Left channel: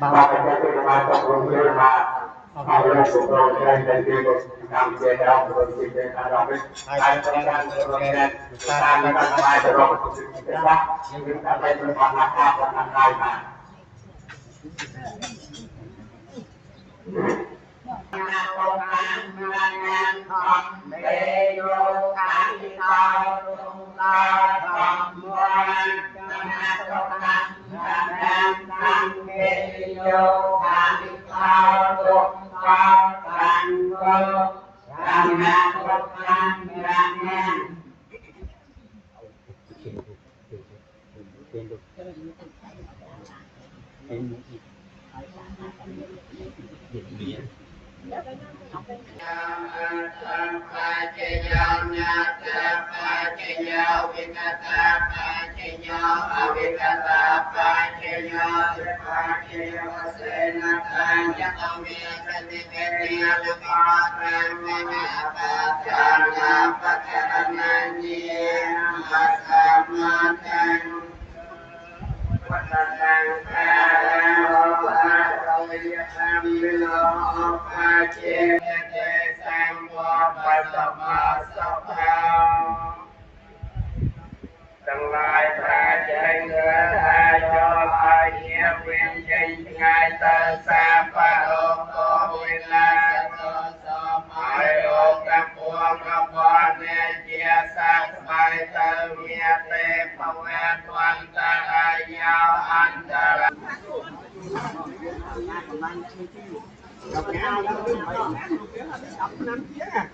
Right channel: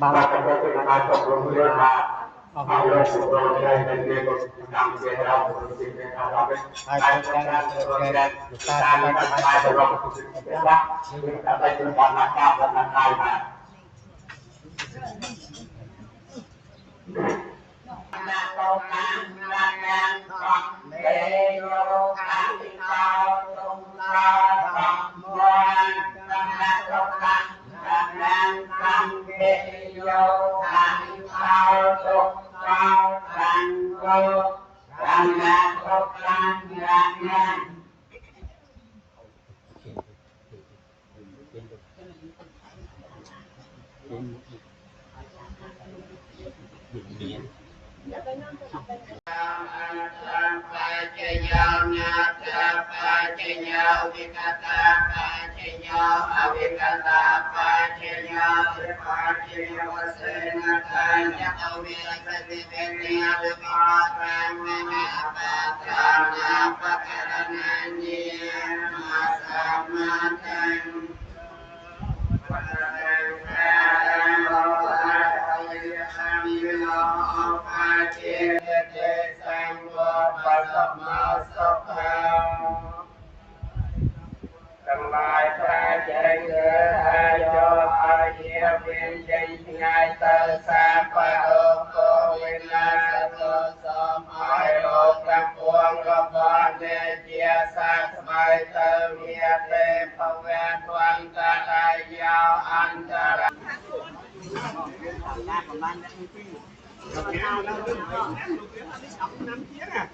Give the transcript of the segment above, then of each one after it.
Bà cái bà tập trung lên mà lên của tôi lên đi của làm gì đó của tôi gì đó ai cũng đang rồi lên ta mới bắt tay rồi của chúng ta nhưng ta phải được hoàn thành và làm lại mà công an ngàn con để vô khai cao tung cao cầm quan tâm là công an ngàn con để vô khai cao tung cao thành vô làm ngàn công an ngàn Tương lai ta chạy người ta cho ai nhớ quyền trình ngài ta xa pa ô tô viên la tô sôm ai ô tam buông gom bon nè chia sát mai tơ nghĩa tê phong ven quan ta đại giao an ta đọc nhau đó đọc năm phía nè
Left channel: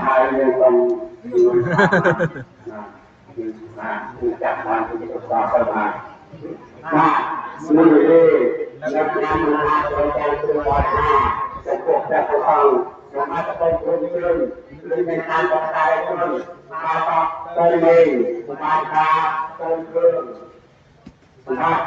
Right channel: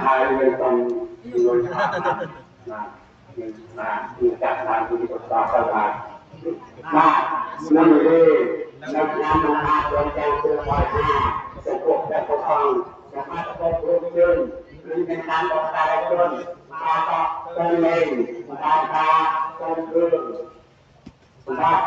hai người còn chặt bàn thì có sao không mà người đi làm làm rồi theo từ ngoài sẽ cuộc sẽ có phòng làm mà sẽ có chuyên lên bên nam có tài chuyên mà có tên mình mà ta tên thương mà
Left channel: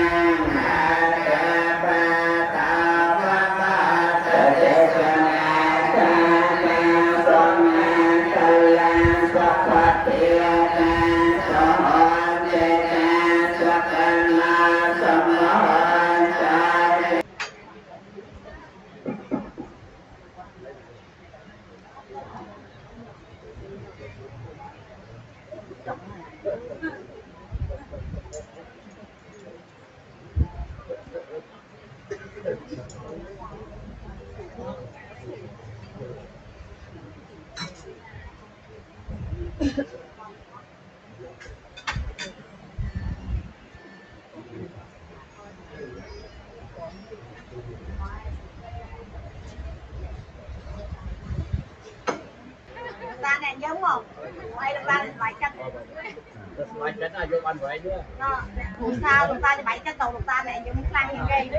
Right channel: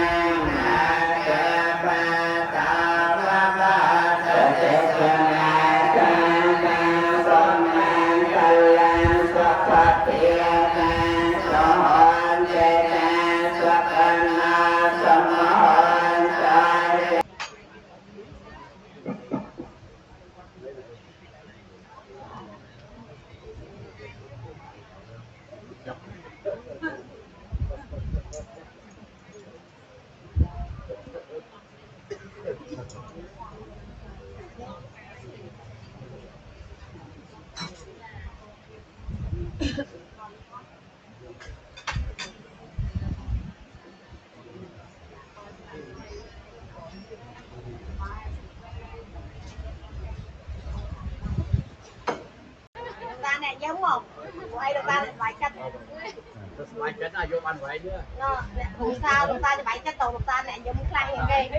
ta này giống không? Đây là ta 7 cân. 7 cân à, vô ăn vậy nữa. Không sao, ta 7 cân đầu ta này giống khăn như cây.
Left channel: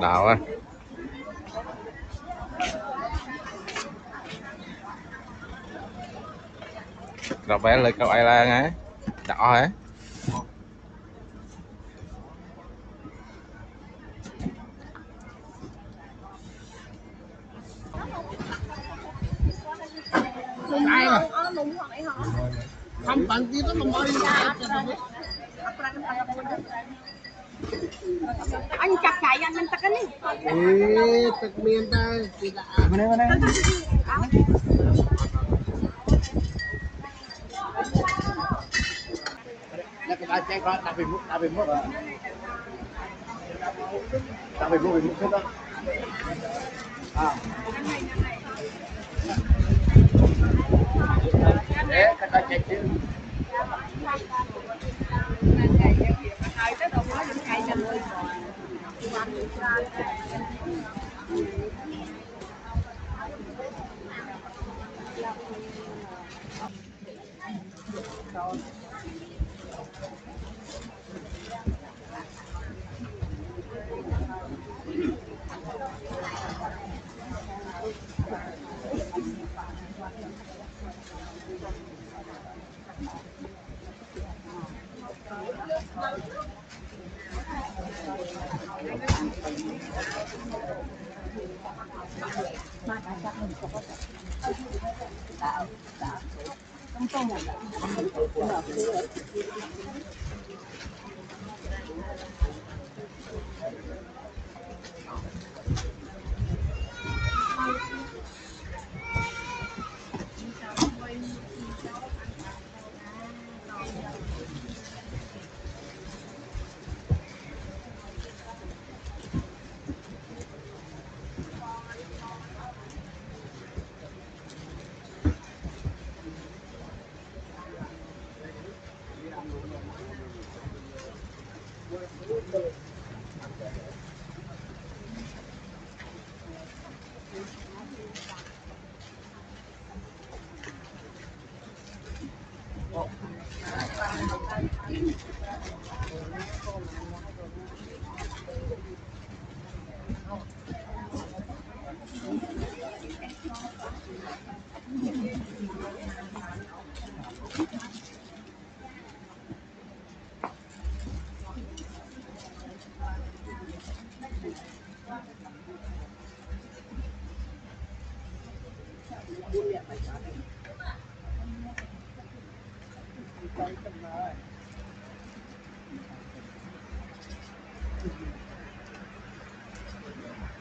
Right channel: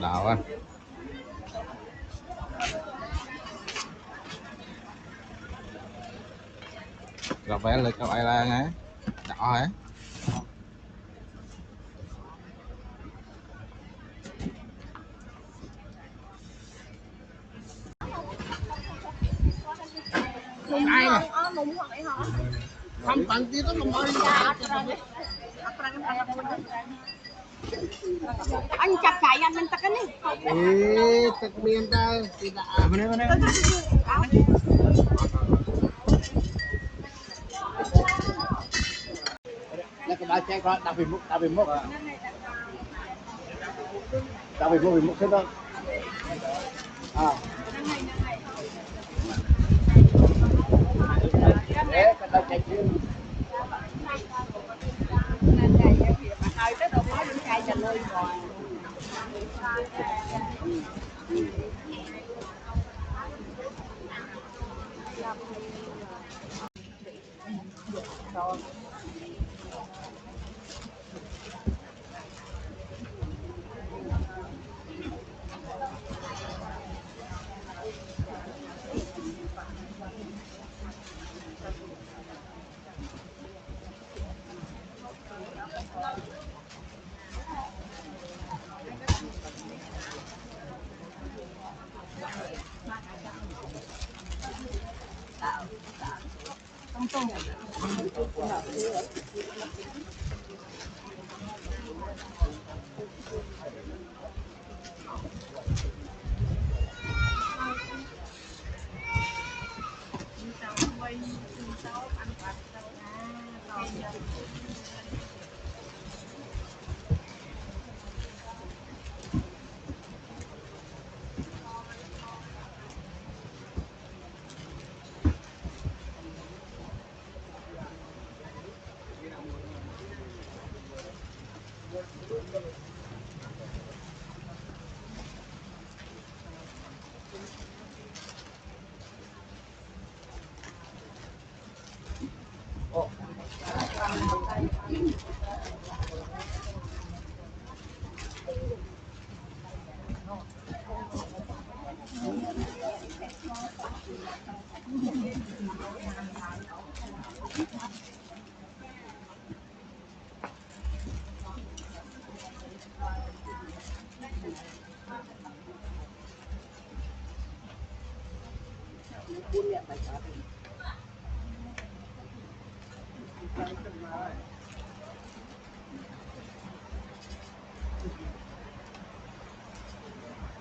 Đào á. Rồi bé lên câu ai lan á. Đỏ hả? Không cần tí đó mà Anh chặt cải anh mình tắc cái này. Tắc miên ta tidak. Mana. Nak kita cek kalau tapi muk. Tapi muk ke bang. Kata cek tu.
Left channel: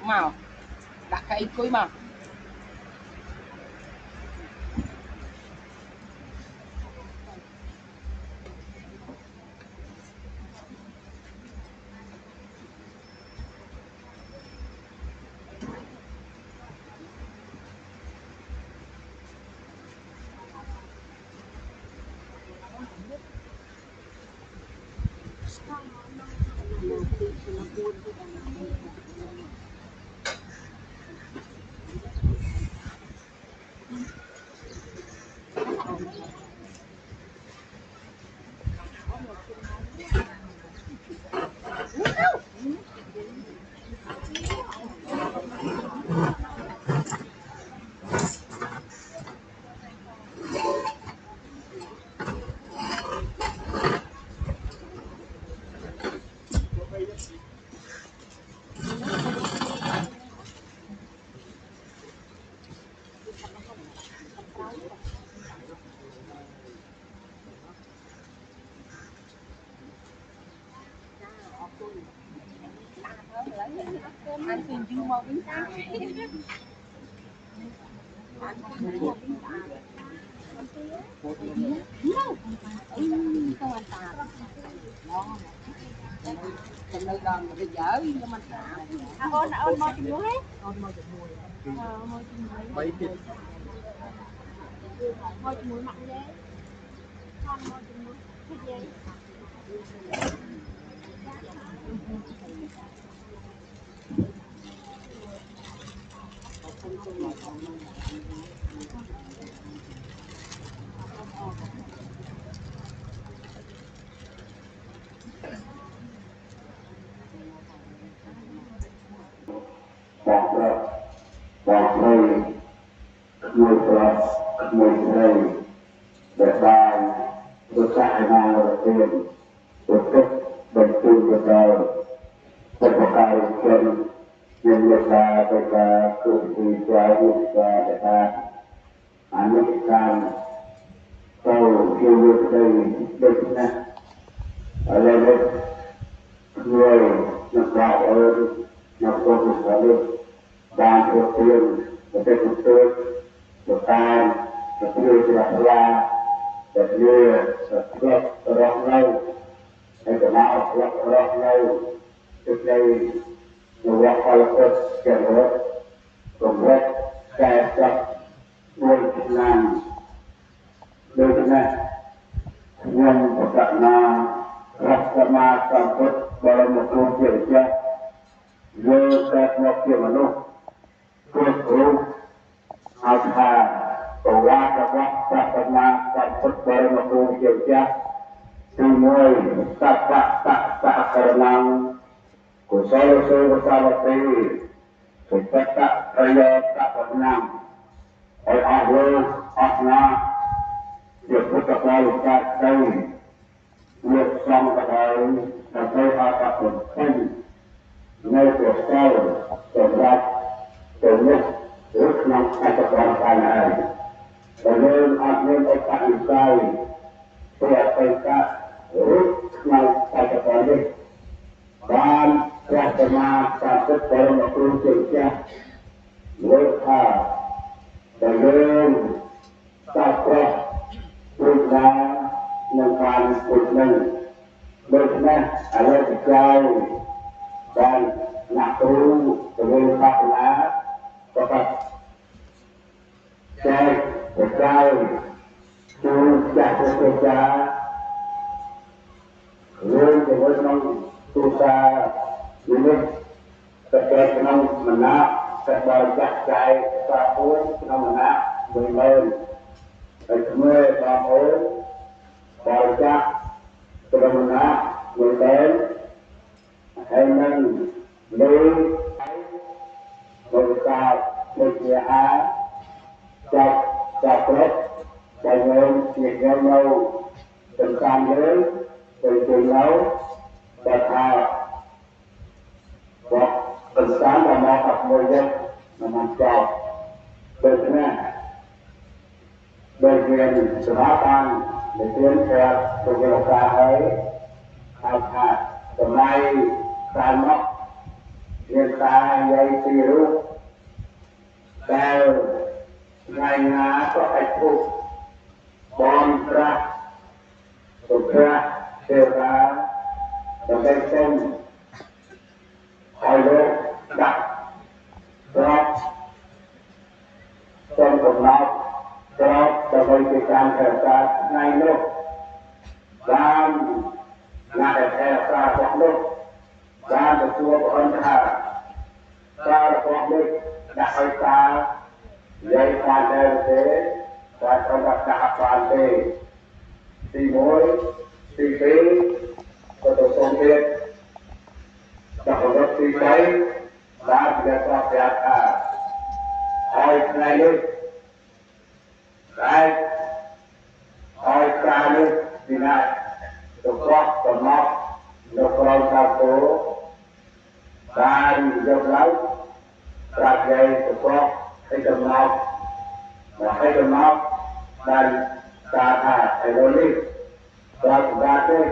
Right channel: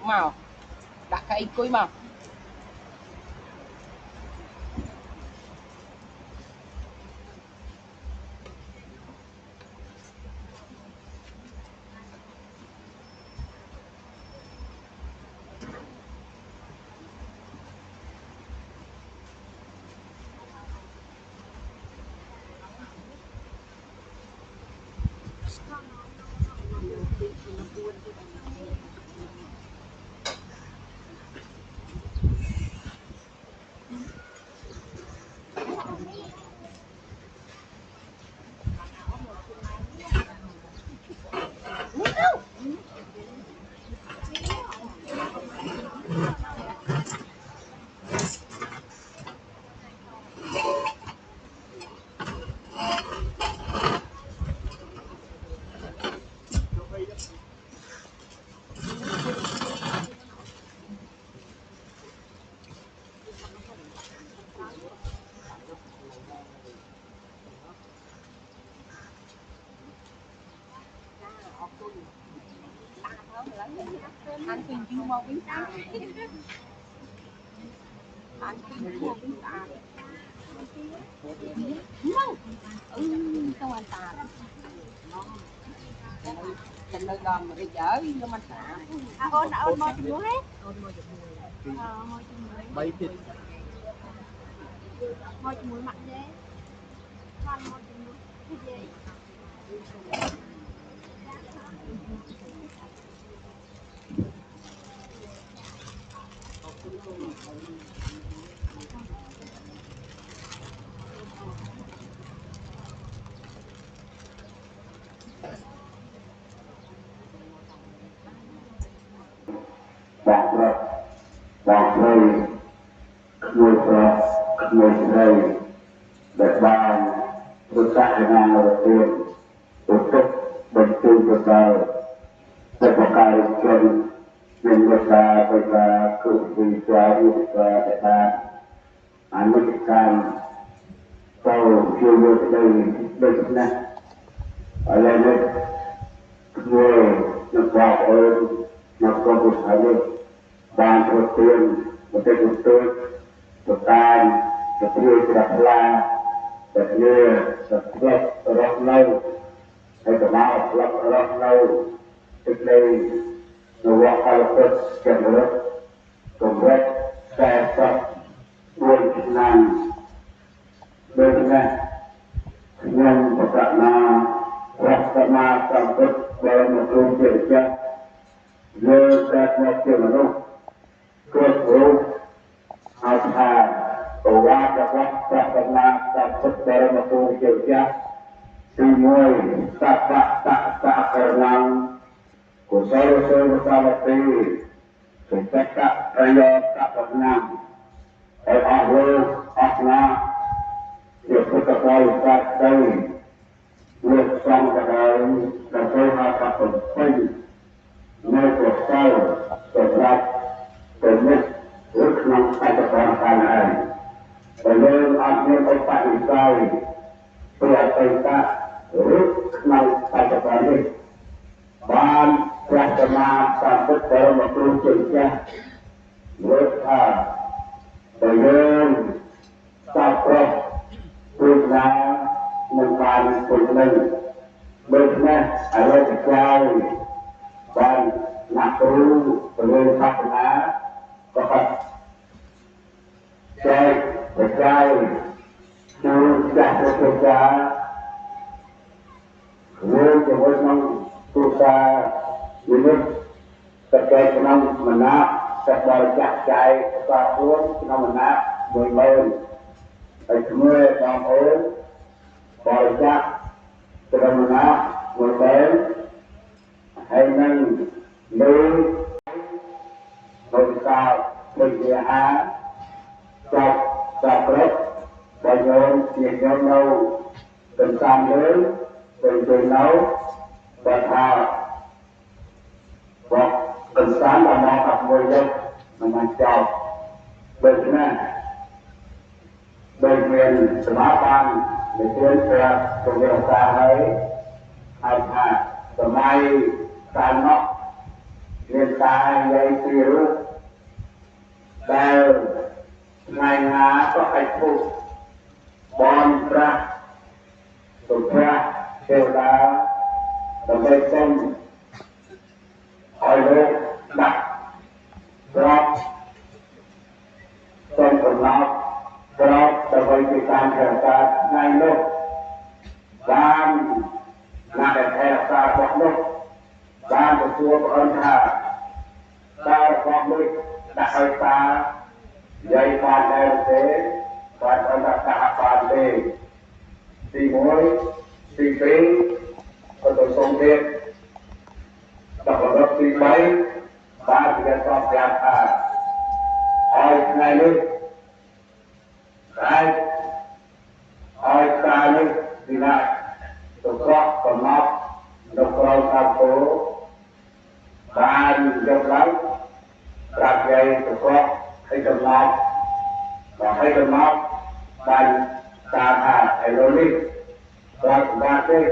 Mau đặt cái cuối mà ăn từ dư màu bánh ta ăn từ dư màu bánh ta không ăn ta chân nơi gần mà cái dở nhưng mà ôn môi chùm muối ôn môi chụp mùi môi chùm muối mấy thịt môi chùm muối mặn ghê con môi chùm muối thịt ghê đạt đây người phật người thầy để bàn tôi sẽ làm đầu tiên tổ chức đầu tư cho đời để có cái chân nên người ta bây giờ cử vì cho việc để ta anh mới làm cầu chưa được đây được nè ở đây người nó có ơn nó có cuộc sống ban đầu tiên một cái đầu tư một cái một người sẽ là một người sẽ rất lâu hay là máu rất lâu trước đây nó qua khai rất kèm hết cùng rất xe sắp đuôi năng đôi chân này nhưng một cạnh nào rất mà cảm thức dalam một câu chuyện chắc giờ ta một chuyện đâu cơ hội học hà qua các các mà cảm thức dalam một câu chuyện chắc semua tak kenang kusol bersama kita tak kaya tak kenang oleh Allah asna dia kita tahu tak tahu việc sang cả đời là thấy hai cặp đồng sinh nơi cuộc sau cuộc gặp cuộc nhất ước lòng hai cặp đồng hàng này và nên ăn nên có tại sai thì thầy ta ước lòng hai cặp đồng này ban là cái mà ta có thể mà tôi tự ra ước thà và nên ta có ước là mengenai kebenaran benar ada sekali dan nak perlu berusaha dapat cek sekali sudah bekerja belum berusaha ini terkait dengan menak terbaca cai apapun dengan menak bermain semua orang hỏi chắc từ đầu nó vừa đến hay nâng lưu một sao mình về á chọc chọc lớp đại ngôn nhiệt nhau đâu từng sang dưới từ nấu và thao hoặc từng sáng là mò tập ngồi vô mà mình chọc được thế này đời quyền sự báo ăn để tiến ra trong điều ta ấy học hạt và mai tan móc hiện tại gây phiếu đều ngày ná có hạnh phúc bon ra tụt ra kêu ra và gây chân hỏi vô đặt drop trong tổng nó drop cho với cái can theo ta ngay lúc làm là để theo ta hoặc lúc ta được chua con ta ta hoặc lúc đặt hơi ta dây quan theo thế và ta đặt ta quan thế thì mối thì phí và tôi không biết ta có rất thì mấy ta thì đã cho nhà ta hỏi ngay lúc ai hỏi ta lúc thì lại tôi có còn móc nó có sao phố và được lắm là gây tôi có hay tôi móc và hay tôi móc và ta thả hay nó đi và cũng ra thế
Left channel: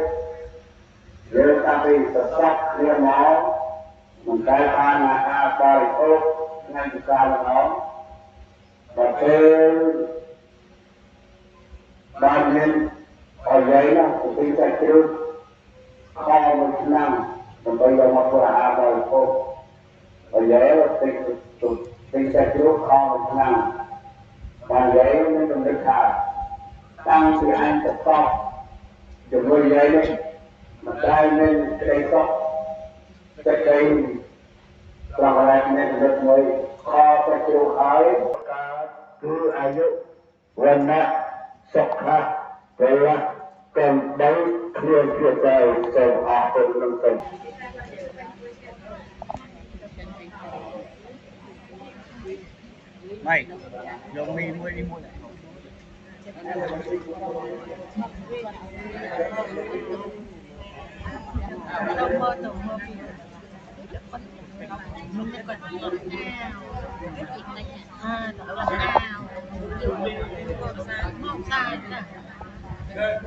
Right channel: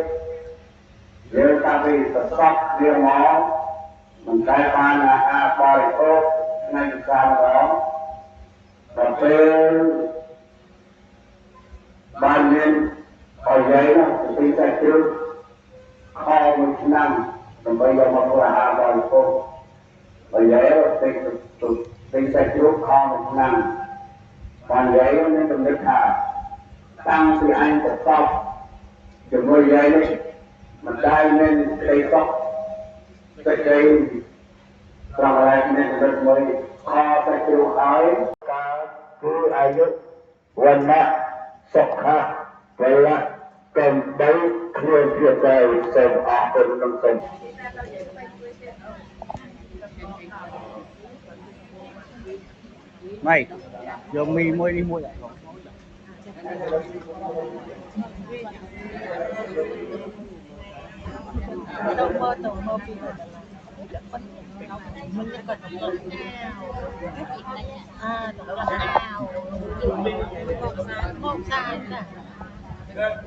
nếu ta bị sắp sắp riêng máu mình khai ban là phải tốt ngành sao đó và thêm ban nhân ở dưới là chính sách trước kho một năm rồi bây giờ một là phải tốt bây giờ chính sách trước kho một năm ban giấy nó trong nước hạ tăng thì anh sẽ khóc rồi bây giờ mà ta nên cây khóc cái cây rằng là nên được người kho phải chịu ái ta cứ ai giúp quên mất sọc ha vậy là cần đấy người phía tây xem từng năm xem Mày vô mi mua đi mua lại tàu mơ phi rồi mình còn đó là nào không sai cả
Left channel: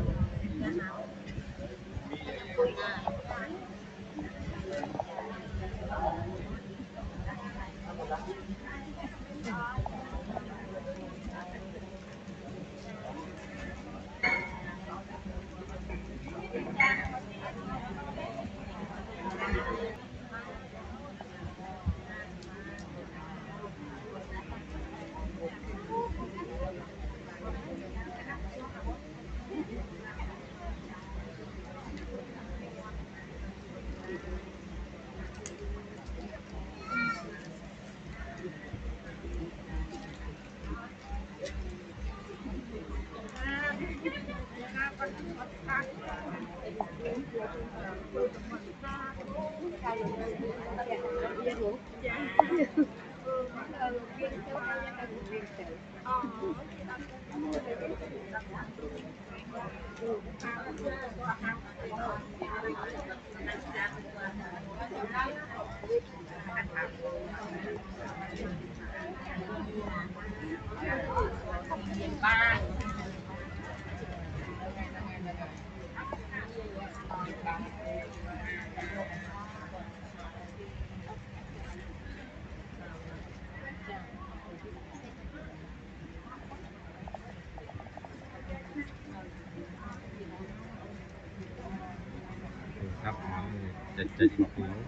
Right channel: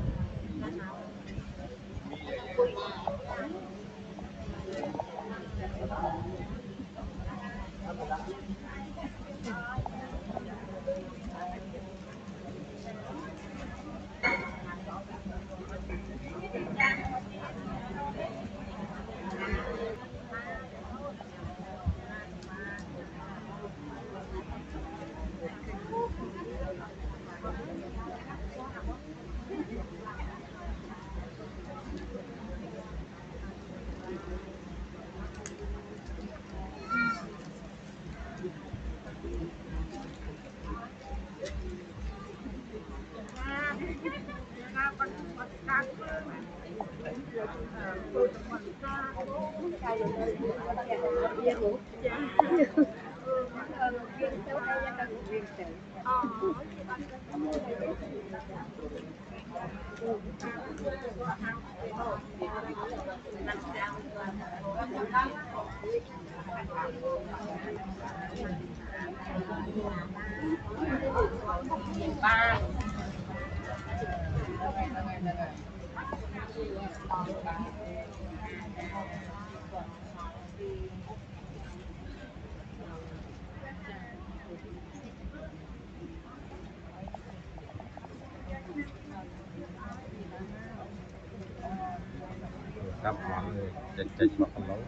Gặp mọi người chịch một cái lối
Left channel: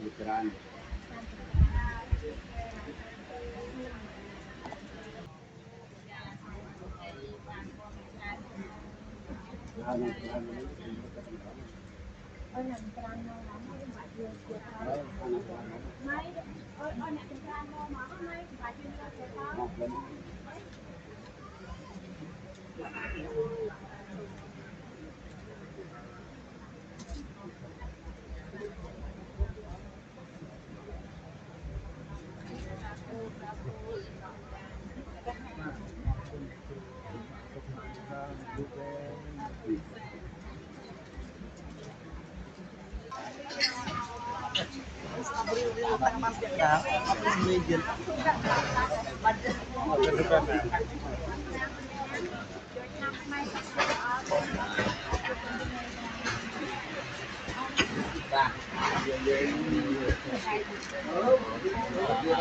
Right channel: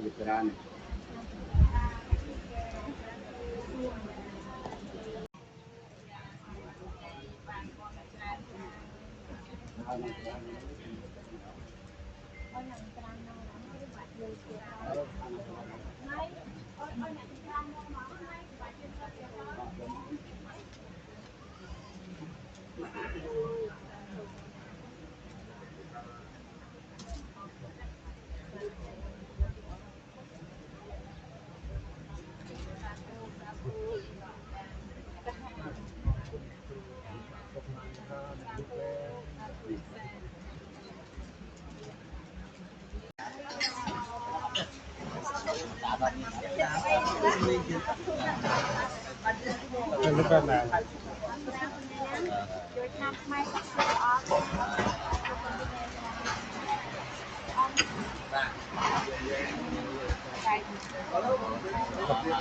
veteran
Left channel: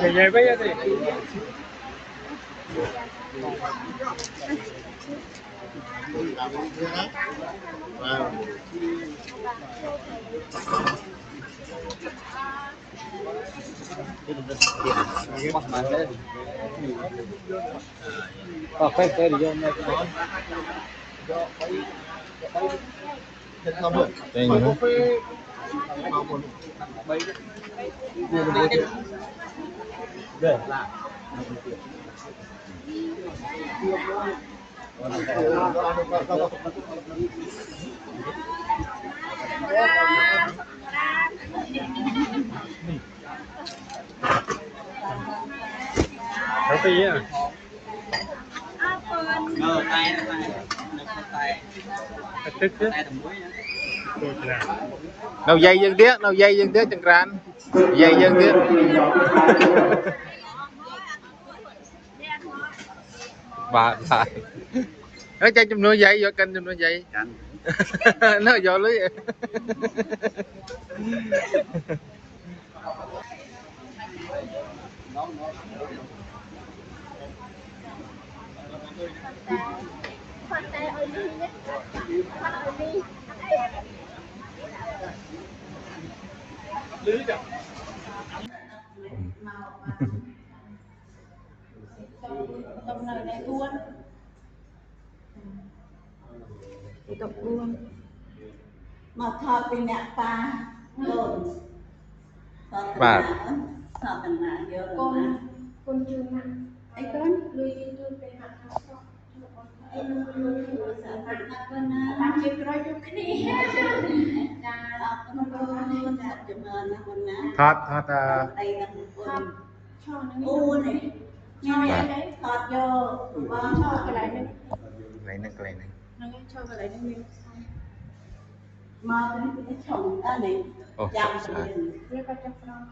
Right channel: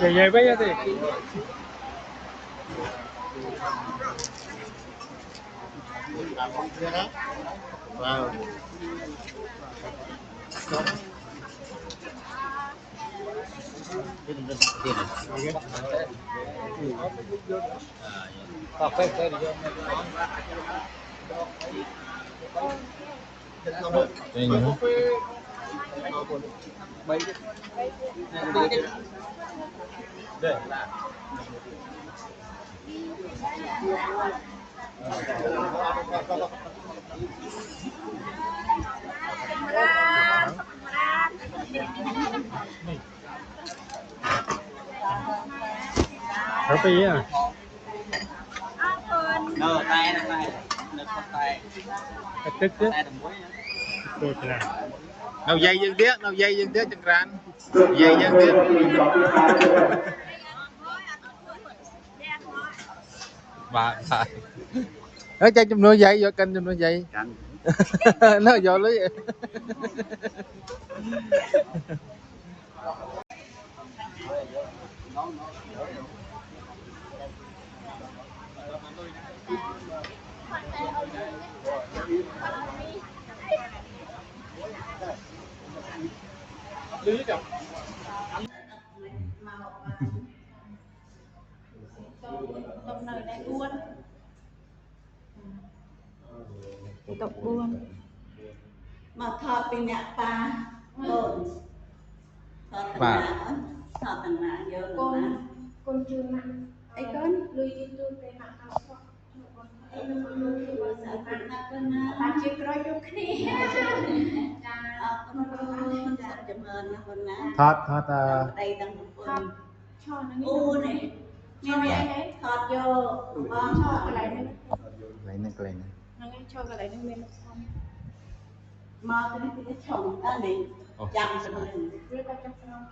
Vậy bây giờ thì Đây nữa. có tí à. Tức chứ. Đâu dây dân tiếc, chẳng ran. Dây dân tiếc. Bà. Nó chạy trong nuôi dây, vô kênh trong nuôi dây. Nó vô lưới. Tông nơi này buôn. Tộc buôn. Mà thọ bên nhà ta đồn Bà. thọ tầng nào vô Con chưa nặng. ấy con Lui tôiไปหาทางสอบbạn chưa có chút cái đi con chụp hình con ná Thoát đây đang một con ช่อนึง u này nghe đấy thọt vô ช่ออะไรนึง Lấy nước lên này. นั่นไงช่ออะไรนึงนึง mà cái chồng đó này Ồ, chồng sao? mình เรียกว่าจะฟรอง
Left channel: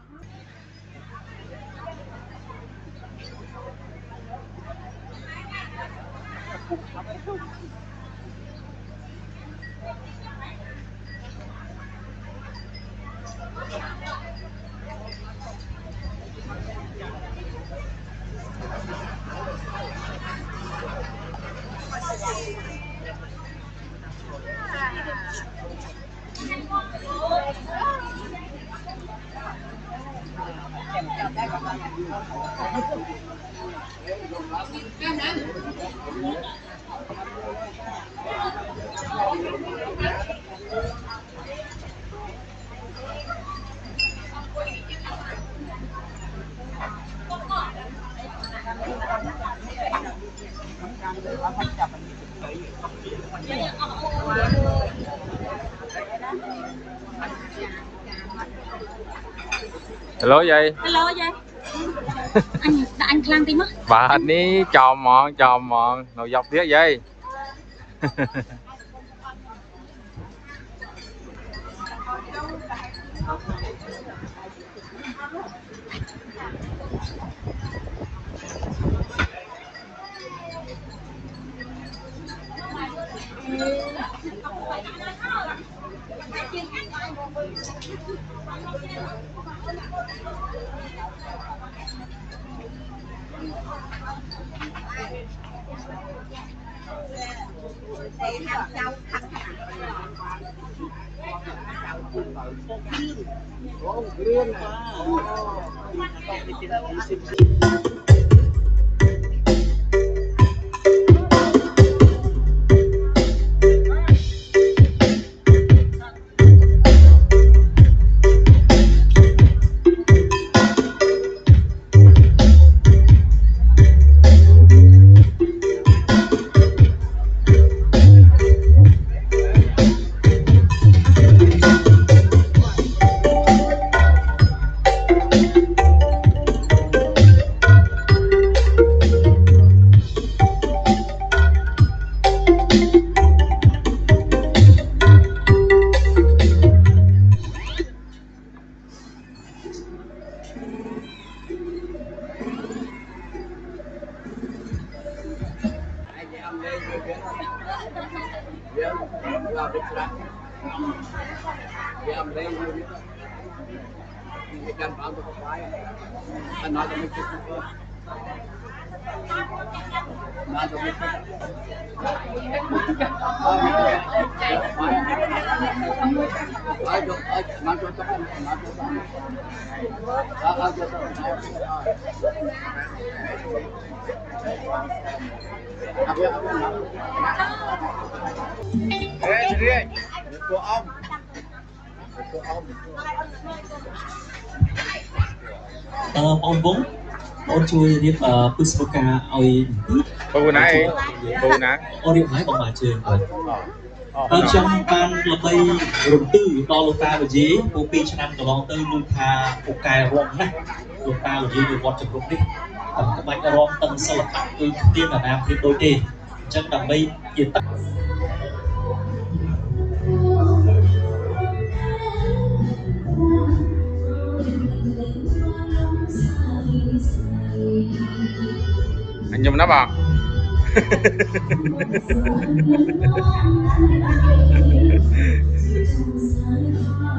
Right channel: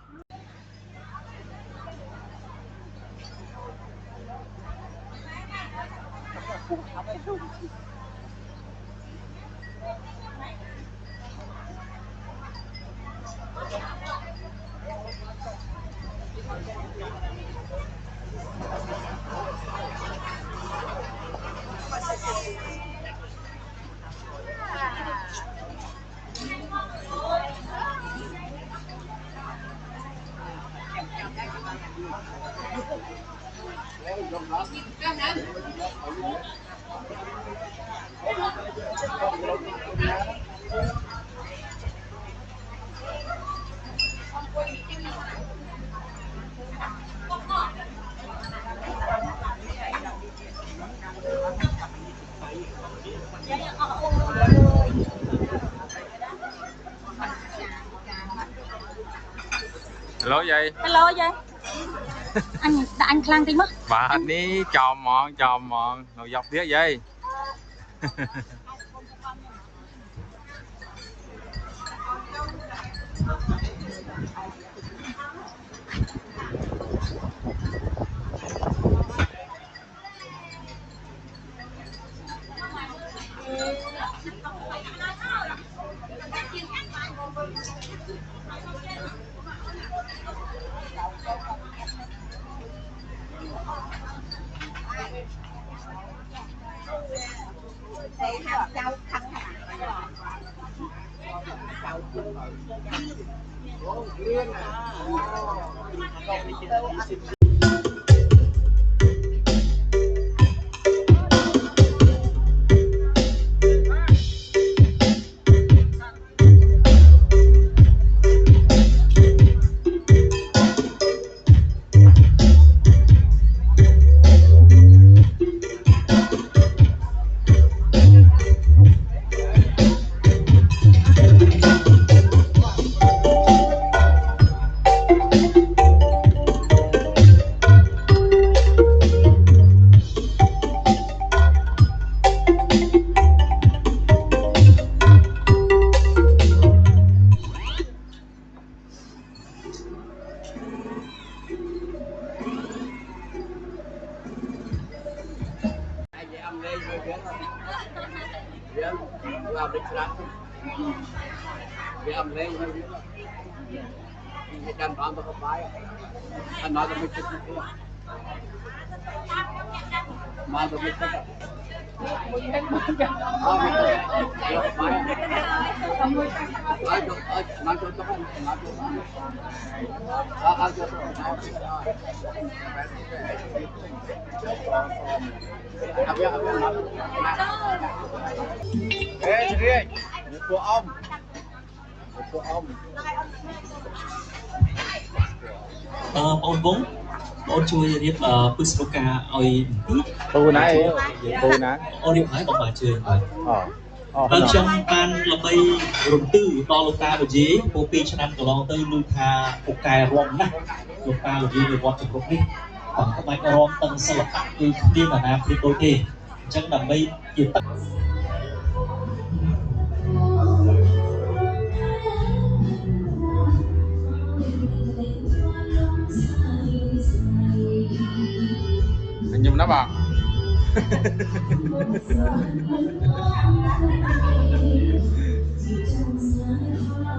Hello dây. Hello dây. Anh khăn tí mất. Bà ní chò mòn, nồi dọc tiếc dây. បងវងបងជួយរៀបពុស្តកាឲ្យពូណាអីពូណា អូរៀបឲ្យបងមកជួយបាទខ្ញុំបានល្បីរំទឺដល់លោកតាវិជាពូ2ឆ្នាំកន្លងទៅលឺថាពូកែរំណាស់លោកតាវិជានៅវត្តជគ្រប់នេះខ្ញុំក្បាច់រំតឹងសិល្បៈគឺគ្មានអាណាព្រៀបដូចទេអញ្ចឹងដើម្បីជាត anh nhầm nó bảo